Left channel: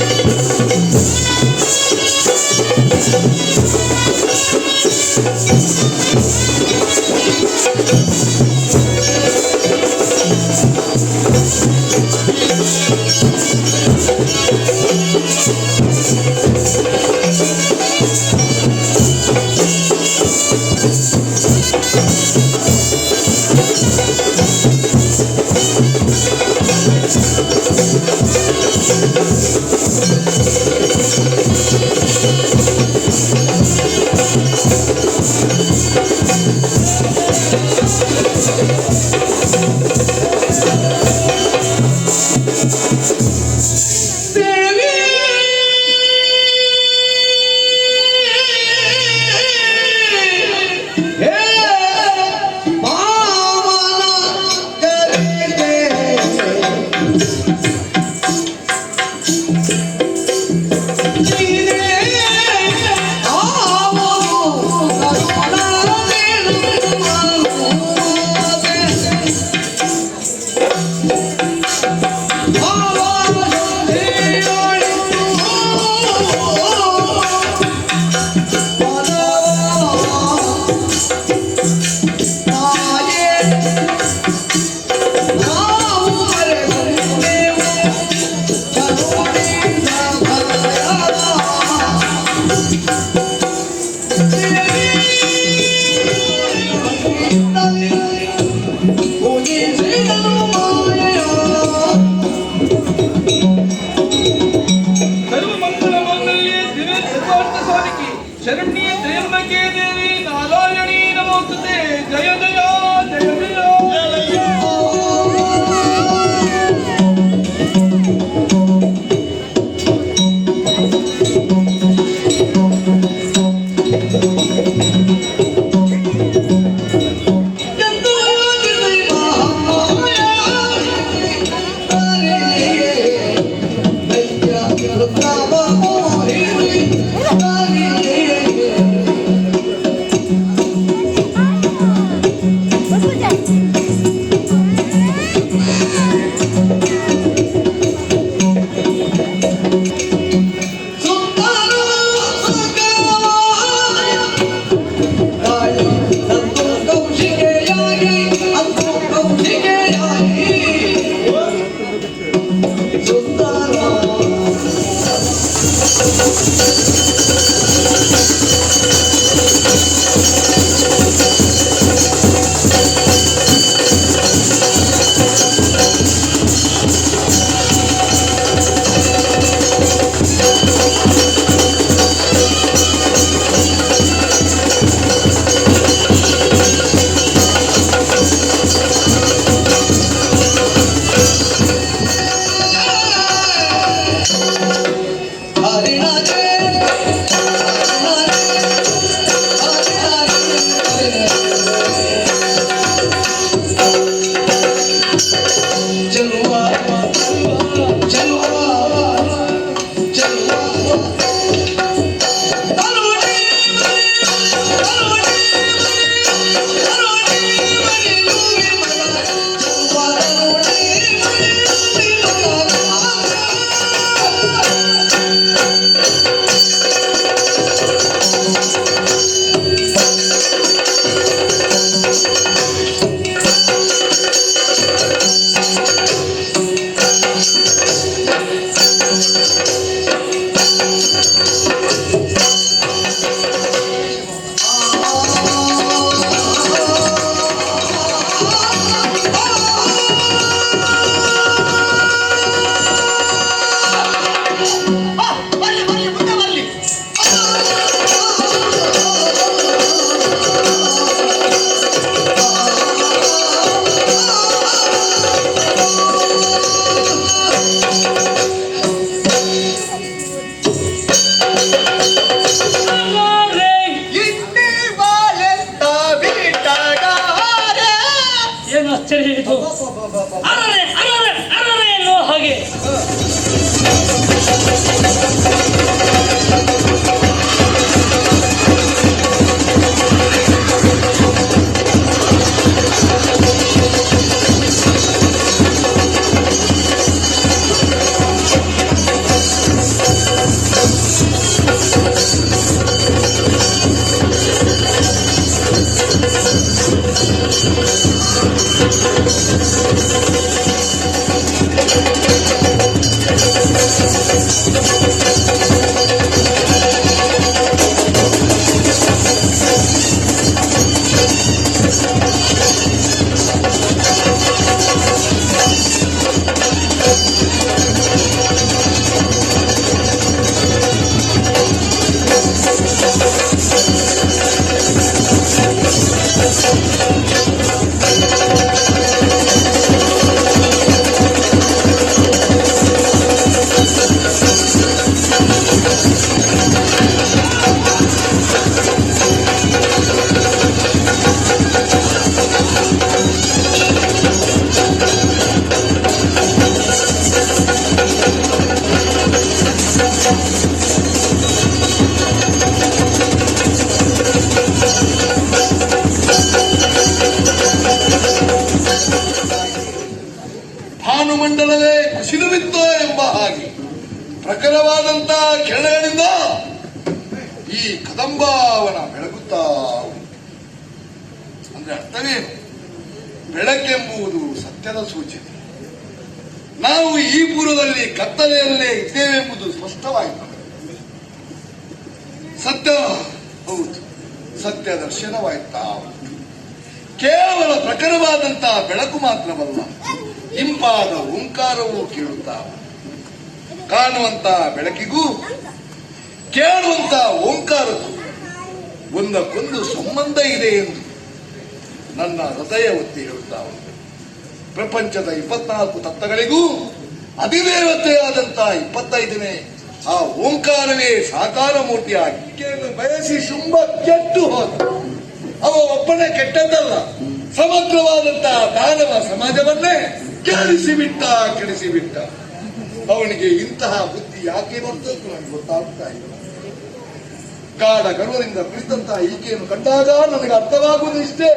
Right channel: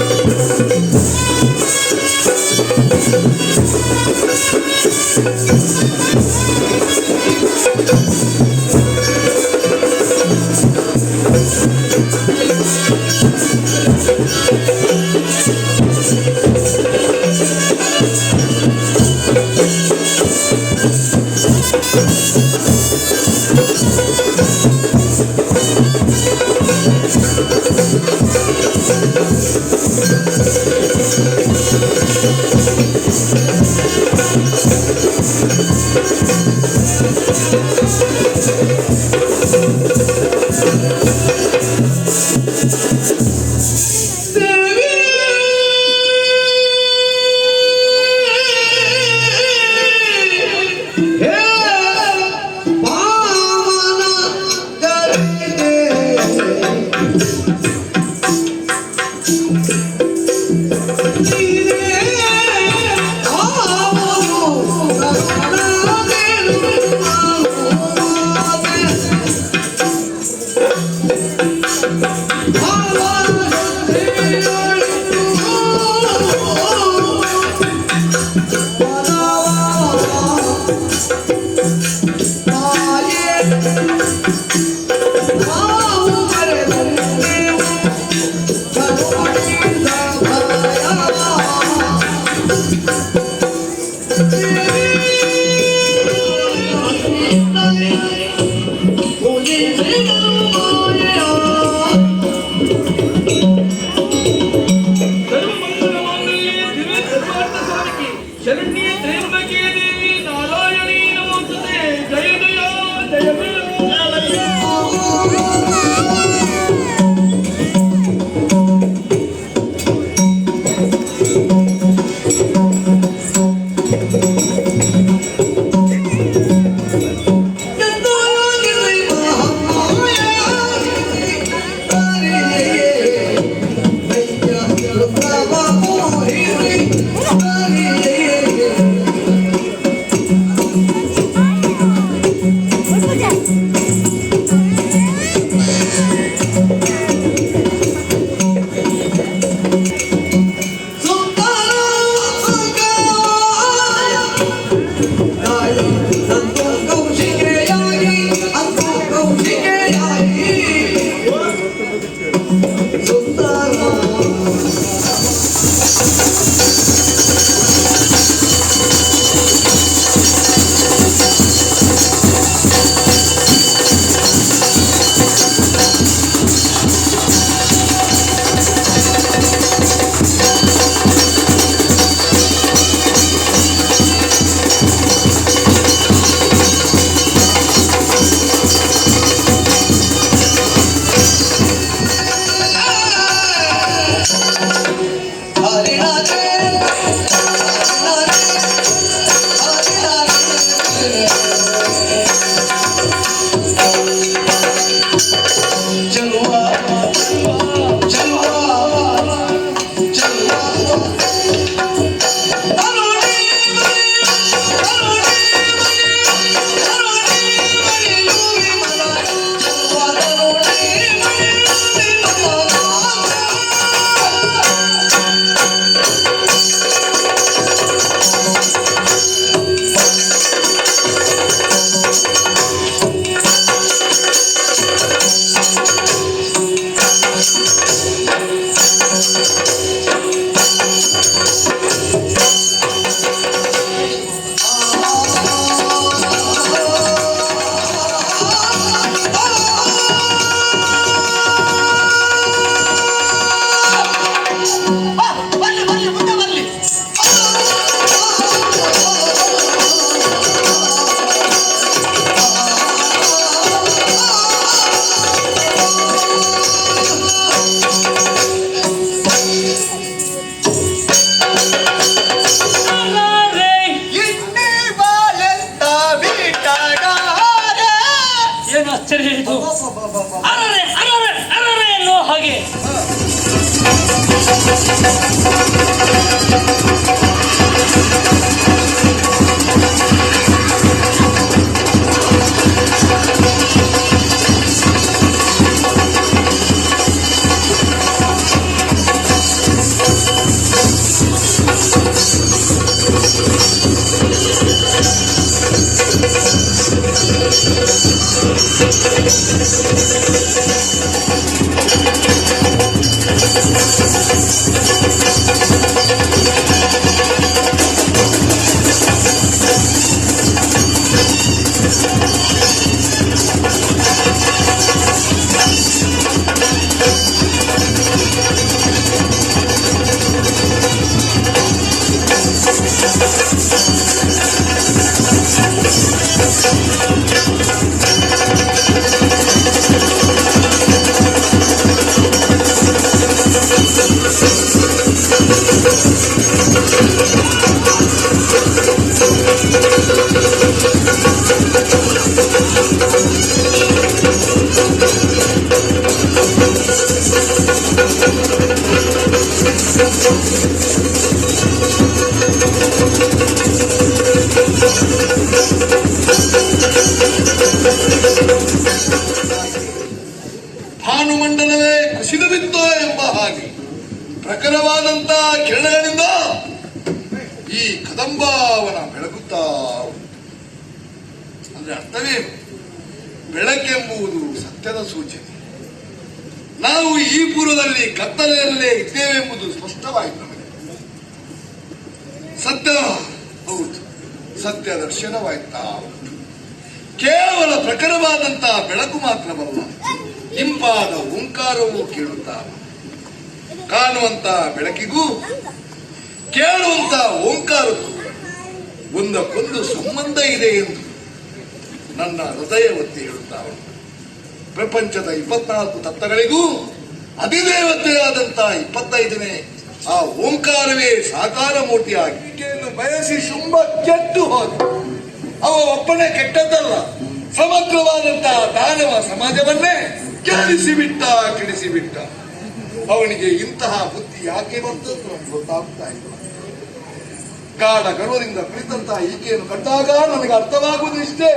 Música Thank you. ಪ್ರಖರವಾದಂತಹ ಕಿರಣಗಳಿಂದ ಈ ಕದಂಬಾವನ ಬೆಳಗುತ್ತಾ. ಅಂದ್ರೆ ಅರ್ಥವೇನು? ಬೆಳಕೆಂಬುದು ಸತ್ಯದ ಸೂಚನೆ. ನಾವು ಈ ಪೂರ್ವದಲ್ಲಿ ಕತ್ತಲೆಯಲ್ಲೇ ಇದ್ದೇವೆಂಬುದು ಸ್ಪಷ್ಟವಾಯಿತು ನಮಗೆ. ಸತ್ಯ, ಹೌದು, ಸತ್ಯ ದರ್ಶನವಾಯ್ತಾ ಕೇವಲ ಪ್ರಖರವಾದಂತಹ ಬೆಳಕು ಮಾತ್ರವಲ್ಲ, ಇಂಪಾದ ಓಂಕಾರವೂ ಕೇಳುತ್ತಾ ಕಾಣುವಂತಹ ಬೆಳಕಿಗೂ ಕೇಳುವಂತ ಓಂಕಾರಕ್ಕೂ ಒಂದಕ್ಕೊಂದು ಸಂಬಂಧ ಇದೆ ಎಂದು ನನ್ನ ಹೃದಯ ಒತ್ತಿ ಹೇಳುತ್ತಾ ಉಂಟು. ಪ್ರಪಂಚದ ಇಪ್ಪತ್ನಾಲ್ಕು ತತ್ವಗಳಿಗೂ ಅಧಿದೇವತೆಯಾದಂತಹ ಇಪ್ಪತ್ತೈದನೇ ಆ ಓಂಕಾರವೇ ಸಾಕಾರ ಮೂರ್ತಿಯಾಗಿ ಬಯಸಿ ಶುಂಭ ಕೆಟ್ಟು ಹೋದ. ಅವ ಒಬ್ಬನೇ ಕೆಟ್ಟದ್ದಲ್ಲ, ಸಮಗ್ರವಾದಂತಹ ದಾನವ ಸಮಾಜವನ್ನೇ ಕೆಡಿಸಿಬಿಟ್ಟ ಕೆಡಿಸಿಬಿಟ್ಟ. ಕೆಡಿಸಿ ಬಿಟ್ಟ ಅವನಿಗೆ ಇಂತಹ ಬುದ್ಧಿ ಯಾಕೆ ಬಂತು ನನಗೆ ಗೊತ್ತಾಗುತ್ತಾ ಇಲ್ಲ. ಗಾಢ ಗರ್ವದಿಂದ ಕುಳಿತಂತಹ ಈಕೆಯನ್ನು ಕಂಡಾಗ ನನಗೆ ಅರ್ಥವಾಗುವುದು ಇಷ್ಟೇ.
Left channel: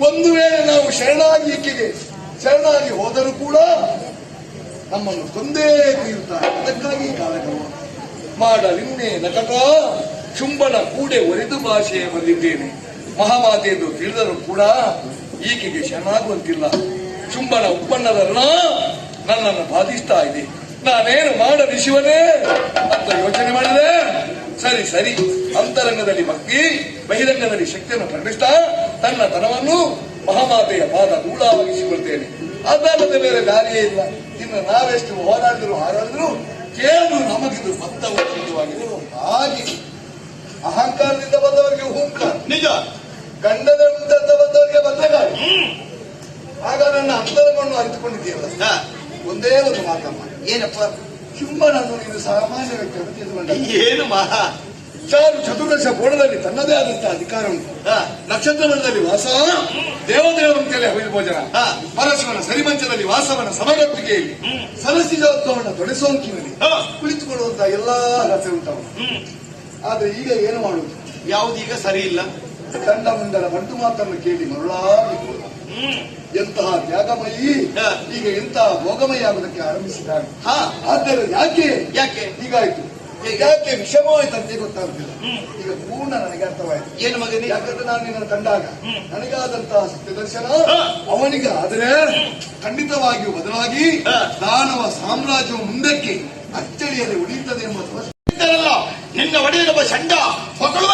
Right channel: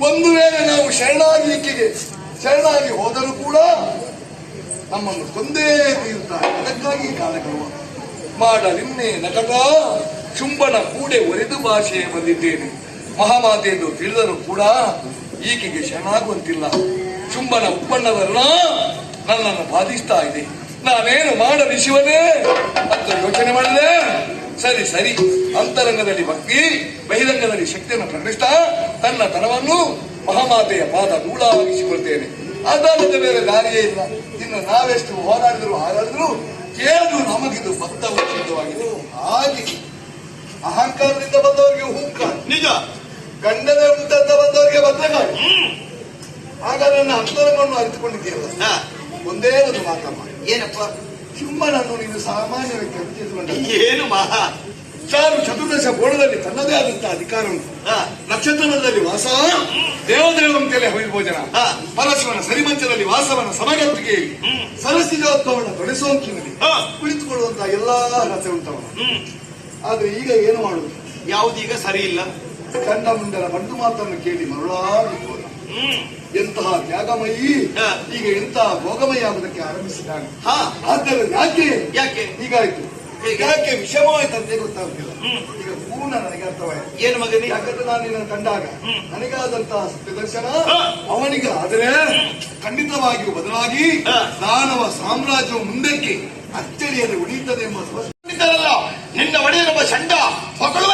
ಒಂದು ವೇಳೆ ನಾವು ಶರಣಾಗಿ ಈಕೆಗೆ, ಶರಣಾಗಿ ಹೋದರೂ ಕೂಡ ನಮ್ಮನ್ನು ಕೊಂದೇ ತೀರುತ್ತಾರೆ ಅದಕ್ಕಾಗಿ ಕಾಲಗರ್ವ ಮಾಡಲಿನ್ನೆ ನಟಕ ಚುಂಬನ ಕೂಡೆ ಒರೆದು ಭಾಷೆ ಬಂದಿದ್ದೇನೆ. ಮಹಾಮಾತೆ ಎಂದು ತಿಳಿದರೂ ಕೂಡ ಈಕೆಗೆ ಶರಣಾಗುವಂತಿಲ್ಲ. ಚುಂಬನ ಉಪ್ಪಣ್ಣದ ನನ್ನನ್ನು ಬಾಧಿಸ್ತಾ ಇದೆ. ನಾನೇನು ಮಾಡಲಿ ಶಿವನೇ? ಅಂತ ಯೋಚನೆ ಮಾಡಿದೆ. ಸರಿ ಸರಿ. ಅಂತರಂಗದಲ್ಲಿ ಭಕ್ತಿ ಬಹಿರಂಗದಲ್ಲಿ ಶಕ್ತಿಯನ್ನು ಪ್ರಕಟಿಸ್ತಾ ತನ್ನ ತನವನ್ನು ಮಹಾಮಾತೆಯ ಪಾದ ಧೂಳಾಗಿಸಿಕೊಳ್ತೇನೆ. ಅದಲ್ಲದೆ ಮೇಲೆ ದಾರಿಯೇ ಇಲ್ಲ. ಇನ್ನು ನಾವೆಷ್ಟು ಹೋರಾಡಿದ್ರು ಹಾರಾಡಿದ್ರು ಕೇಳು ನಮಗಿದು ಬದ್ಧವಾಗಿದೆ ಹಾಗೆ ಅಹಂಕಾರದಿಂದ ಬಂದವರಿಗೆ ಹೂಂಕಾರ. ನಿಜ. ಗಂಡನೇ ಉಂಟಂತ ಬಂದವರಿಗೆ ಭದ್ರಕಾಳಿ. ಆಗ ನನ್ನ ಅಂತರವನ್ನು ಅರಿತುಕೊಂಡಿದ್ದೀಯಲ್ಲ. ಹಾ, ಒಂದೇ ಒಂದು ಮಾತಮ್ಮ. ಏನಪ್ಪ? ಚುಂಬನನ್ನು ನೀನು ಸಾಮಾನ್ಯ ವ್ಯಕ್ತಿ ಅಂತ ತಿಳ್ಕೊಂಡ. ಏನು ಮಹಾ ಚಾರು ಚತುರ್ದಶ ಗೋಳದಲ್ಲಿ ತನ್ನದೇ ಆದಂತಹ ಅಧಿಕಾರ ಉಂಟು ನಕ್ಷತ್ರದಲ್ಲಿ ವಾಸ ದೇವದೇವಂತೆಯಲ್ಲಿ ಹವಿಲ್ ಭೋಜನ ಹಾ. ಪರಶಿವನ ಸರಿಮಂಚದಲ್ಲಿ ವಾಸವನ ಸಮಗತ್ತಿಗೆಯಲ್ಲಿ ಸರಸಿಜೋತ್ಸವನ ತೊಡೆಸೋಂಕಿನಲ್ಲಿ ಹಾ. ಕುಳಿತುಕೊಳ್ಳುವಂತಹ ಎಲ್ಲಾ ರಸೆ ಉಂಟವನು. ಆದ್ರೆ ಈಗ ಏನು ಮಾಡುವುದು ಯಾವುದೀಗ ಸರಿ ಇಲ್ಲ? ಕಂಡ ಮುಂಡನ ಬಂಡು ಮಾತನ್ನು ಕೇಳಿ ಮರುಳಾಗಿ ಎಂತಹ ತ್ಯಾಗಮಯಿ. ಈಗ ಎಂತಹ ಭೋಗಮಯ ಆಗುದಕ್ಕೆ ಆರಂಭಿಸಿದ್ದಾನೆ. ಹಾ. ಆದ್ದರಿಂದ ಯಾಕೆ? ಯಾಕೆ? ಹೀಗಾಯ್ತು. ಹೇಗೆ? ಯಾಕೆ ವಿಷಮವಾಯ್ತಂತೆ ಗೊತ್ತಾಗ್ತಿಲ್ಲ. ಈಗ ಪೂರ್ಣ ನನಗೆ ಅರ್ಥವಾಯ್ತು. ಏನು ಮಗನೇ? ಯಾಕಂದ್ರೆ ನಾನು ನಿನ್ನನ್ನು ಕಂಡಾಗ ನನಗಾದಂತಹ ಸತ್ಯ ದರ್ಶನ ಹಾ. ಅವನಿಗೆ ಆದರೆ ಖಂಡಿತವಾಗಿಯೂ ಬದಲಾಗಿ. ದಾನವ ಸಾಮ್ರಾಜ್ಯವು ಮುಂದಕ್ಕೆ ಅಚ್ಚಳಿಯಲ್ಲಿ ಉಳಿಯುತ್ತದೆ ಎಂಬ ನಿನ್ನ ಒಡೆಯನೊಬ್ಬ ಚಂಡ ಹೊಗಳುವ